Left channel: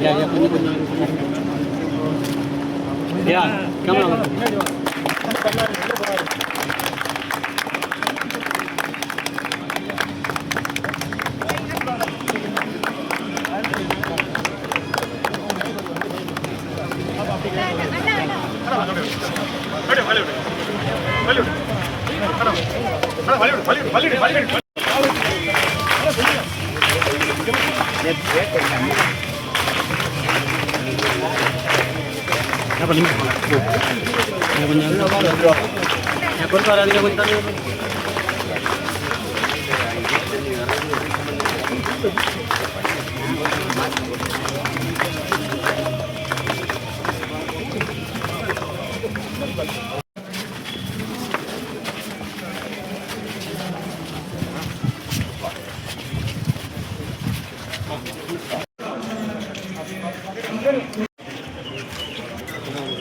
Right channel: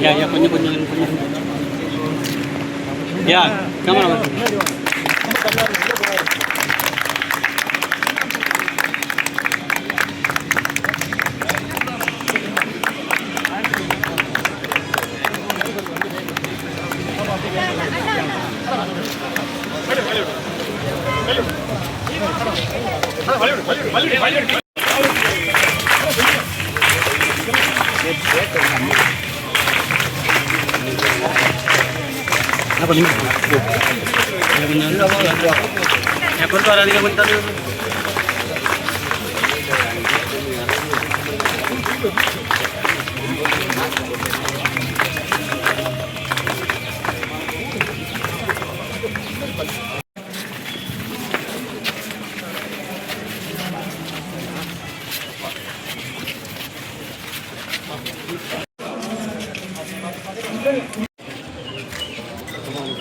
Ya கொஞ்சம் ya kamera ya corto ahora diga cuenta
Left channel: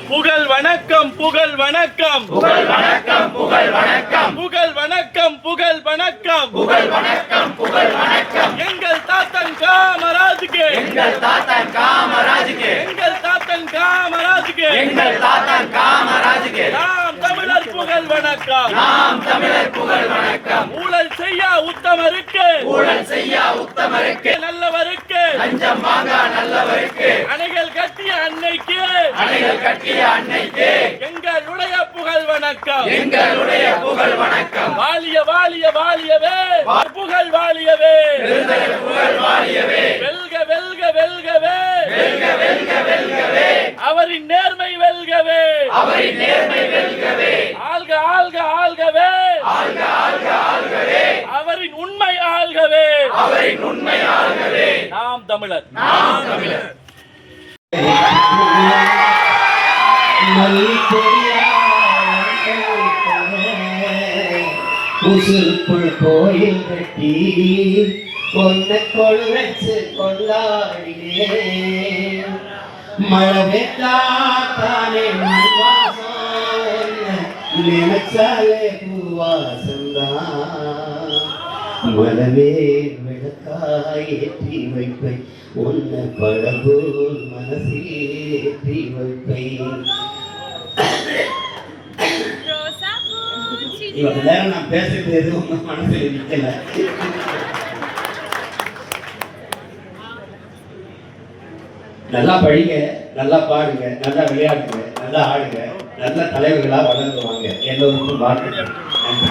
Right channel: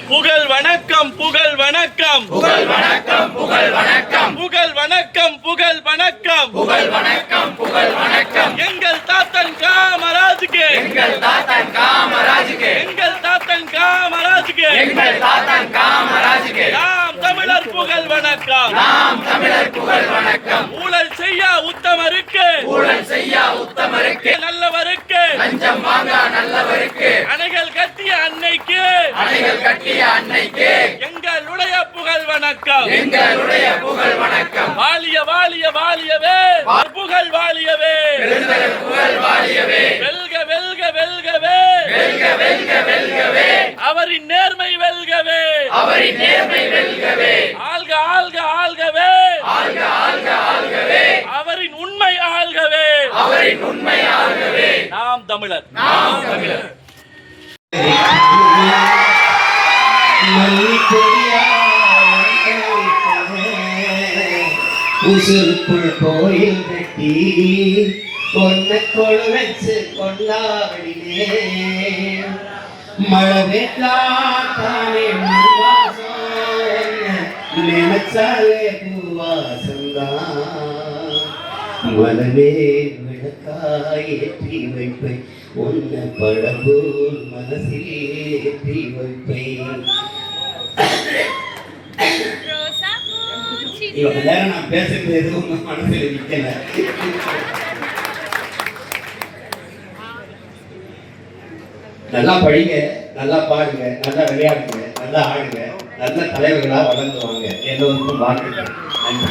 புகழ் வணக்கம் புகழ் வணக்கம் புகழ் வணக்கம் புகழ் வணக்கம் புகழ் வணக்கம் புகழ் வணக்கம் புகழ் வணக்கம் புகழ் வணக்கம் எங்கள் தாத்தன் காமராஜுக்கு எங்கள் தாத்தன் காமராஜுக்கு எங்கள் தாத்தன் காமராஜுக்கு எங்கள் தாத்தன் காமராஜுக்கு நாம் தமிழர் புகழ் வணக்கம் நாம் தமிழர் புகழ் வணக்கம் ஊழல் செய்ய உத்தமருக்கு ஊழல் செய்ய உத்தமருக்கு நல்லவருக்கு லஞ்சம் வாங்க நல்லவருக்கு அணைகள் கட்டிய அன்னைக்கு அணைகள் கட்டிய அன்னைக்கு எங்களுடைய புகழ் வணக்கம் எங்களுடைய புகழ் வணக்கம் வாலிய வாலிய வாலியவே புகழ் வாலியவே புகழ் வாலியவே வெல்க வெல்க வெல்கவே வெல்க வெல்க வெல்கவே அவரின் நேர்மை வெல்கவே அவரின் நேர்மை வெல்கவே ஆள்க ஆள்க ஆள்கவே ஆள்க ஆள்க ஆள்கவே அவரின் உண்மை ஆள்கவே அவரின் உண்மை ஆள்கவே நாம் தமிழர் நாம் தமிழர் உசுருக்குள் கோயில் கட்டி கொன்ன கொள் வச்சு கொண்டாடினே மழை வெட்டாத்தானே நினைச்சாலே பூவாசந்தான் மலமே விளக்காய் ஏற்றி வைப்பேன் உன்னை படபோல் மனசில் ஏற்றி வைப்பேன். இவங்க நேரம் நான் பேசுறது எதுவும் மனசுல நிக்கல. நல்லா படிங்க, நல்லா பாடுங்க, நல்லா விளையாடுங்க, நல்லா ஆடுங்க, நல்ல தலைவர்களா வளர்ந்துவாங்க. எல்லோருக்கும் வாழ்த்துக்கள். நன்றி.